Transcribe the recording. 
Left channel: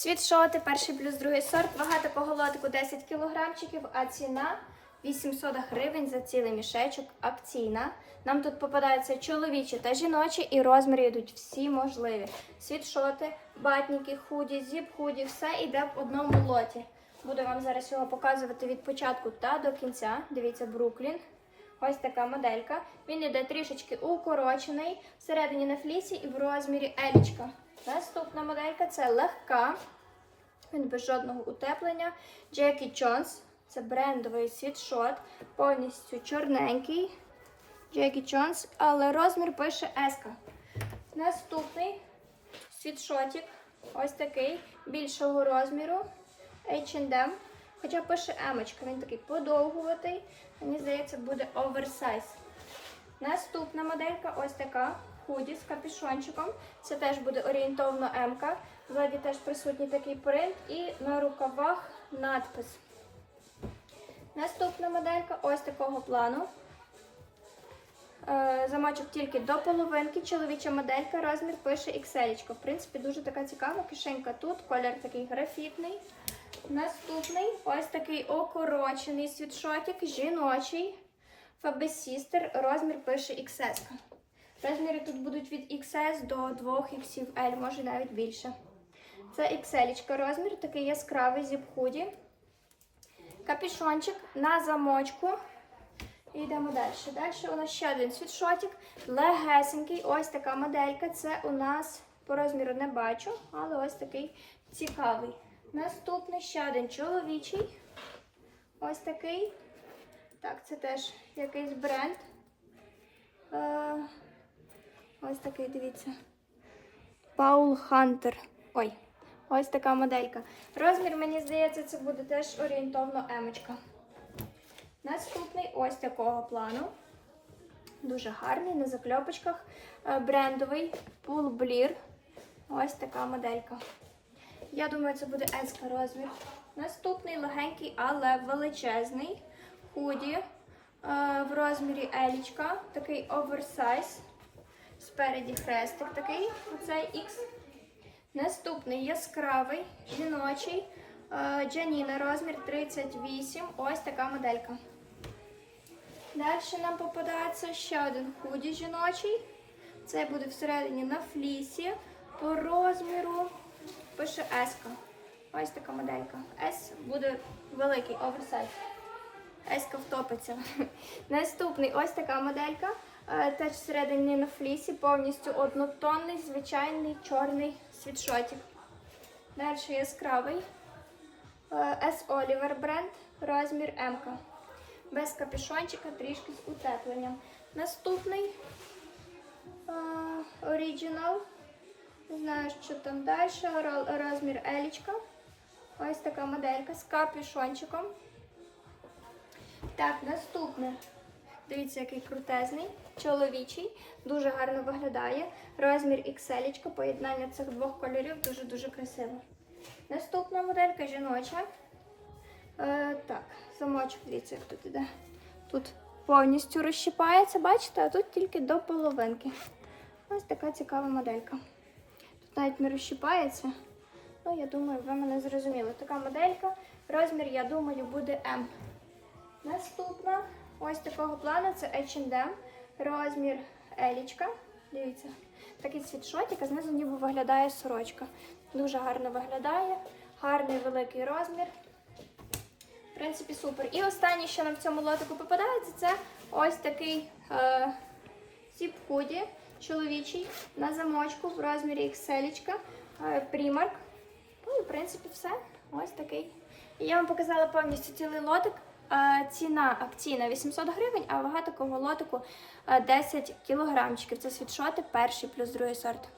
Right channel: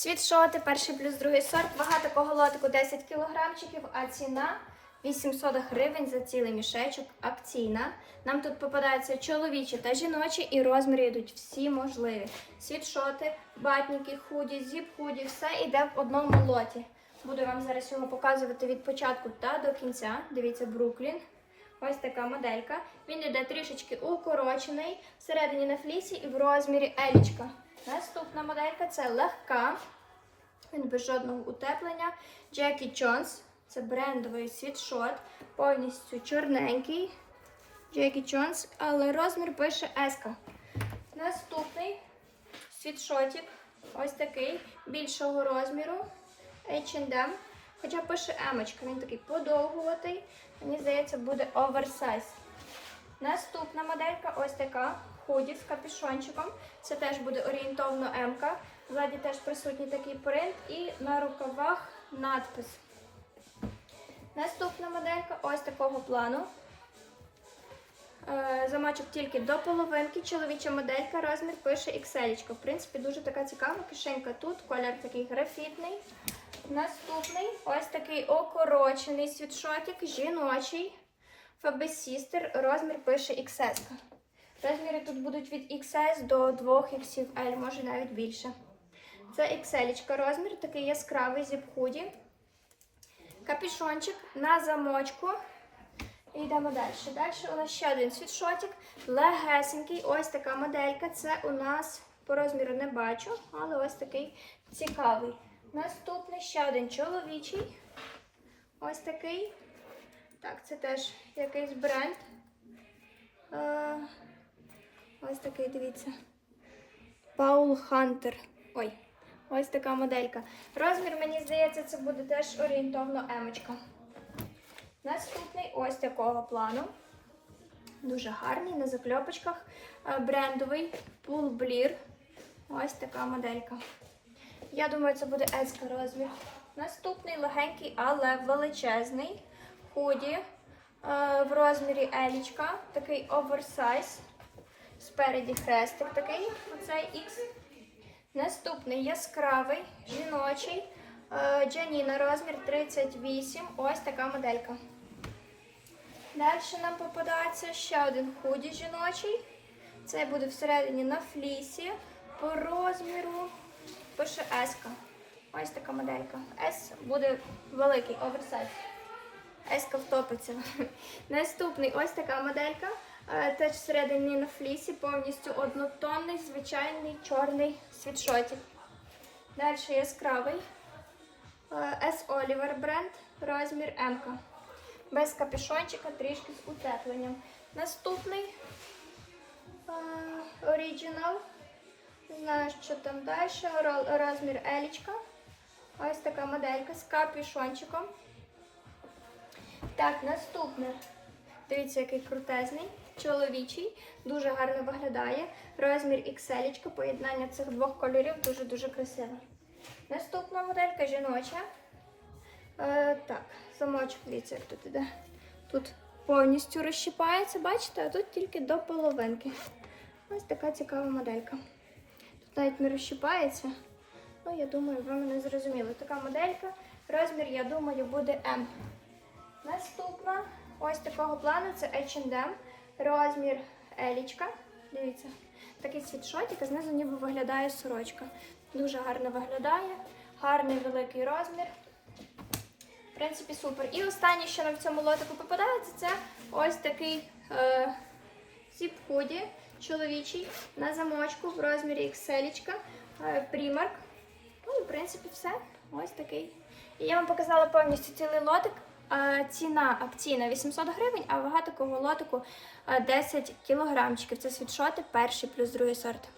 Світшоти, перший плюс другий сорт, вага такого лотику 10 кілограмчиків, а ціна 800 гривень за цілий мішечок акційна. Нам тут попадаються чоловічі та жіночі, і розміри йдуть всі можливі. Світшоти, батніки, худі, зіп-худі, все йде в одному лоті. Буду вам зараз його показувати від початку та до кінця. Дивіться, Бруклін. Ось така моделька. Він йде трішечки укорочений, всередині на флісі і в розмірі елічка. Наступна моделька це легка. Він без жодного утеплення. Джекі Джонс. Це брендовий світшот, повністю чорненький. Джекі Джонс, але розмір пише S. Наступний світшотик. Ось такий більшого розміру. H&M. Хоча пише емочка, він такий подовгуватий. Мені здається, буде оверсайз. Наступна моделька ось така. Худі з капюшончиком. Це теж буде орієнтовно М-ка. Ззаді теж присутній такий принт і на рукавах надпис. Наступна моделька ось такого плану. Е, Замочок тільки до половинки. Чоловіча моделька, розмір пише XL. В принципі, дуже така цікава. Кишенька тут, колір такий графітний. Наступний ось такий окорочений світшотик, жіночий. Faber Sister, розмір пише XS. Розміри тут будуть від XS до 2XL, може навіть більше. Це XL розмір, такий яскравий зіп-худі. Капюшончик на замочку. І йдемо далі. Далі у нас ще один світшотик, легесенький. Ось така моделька. Це у нас по розміру не бачу, але ось такий цікавий. Наступний ще один чоловічий. Ось такий. Так, це теж якийсь бренд. Е, ось такий, дивіться. Паул Хантер. Ой, ось така моделька. Розмір, мені здається, це буде теж орієнтовно емочка. Наступний ось такого плану. Дуже гарний, на закльопочках. Е, Брендовий Bleer. Ось така моделька. Я думаю, це буде S розмір. Наступний легенький, але величезний. Худі е, в розмірі елічка. Такий оверсайз. Спереді хрестик такий. Оцей X. Наступний яскравий, жіночий. е, Джаніна розмір 38. Ось така моделька. Далі нам попадається ще один худі жіночий. Це буде всередині на флісі. По розміру пише S. Ось така моделька. S буде великий оверсайз. S втопиться. Наступний ось така моделька. Е, Теж всередині на флісі, повністю однотонний, звичайний чорний світшотик. Далі яскравий. Е, S Oliver бренд, розмір М. Без капюшончика, трішки з утепленням. Наступний е, Original. Що там далі. Ро- Розмір Елічка. Ось така моделька з капюшончиком. Так, наступне. Дивіться, який крутезний, чоловічий, дуже гарно виглядає. Розмір XL, поєднання цих двох кольорів дуже-дуже красиве. Наступна моделька жіноча. Е, так, замочок, дивіться, як тут іде. Тут повністю розщипається, бачите, а тут тільки до половинки. Ось така цікава моделька. Навіть не розщипається. Ну, я думаю, ви мене зрозуміли. Така моделька. Розмір, я думаю, буде М. Наступна ось такого плану це H&M. Розмір елічка. Дивіться, такий світшотик, а знизу ніби виглядає сорочка. Дуже гарно виглядає. Гарний великий розмір. В принципі, супер. І останнє, що нам в цьому лотику попадається, це ось такий е, зіп-худі чоловічий на замочку в розмірі XL, е, Primark. Ну і в принципі все. Ось такий. І я вам показала повністю цілий лотик. Е, Ціна акційна 800 гривень, а вага такого лотику е, 10 кілограмчиків. Це світшоти перший плюс другий сорт.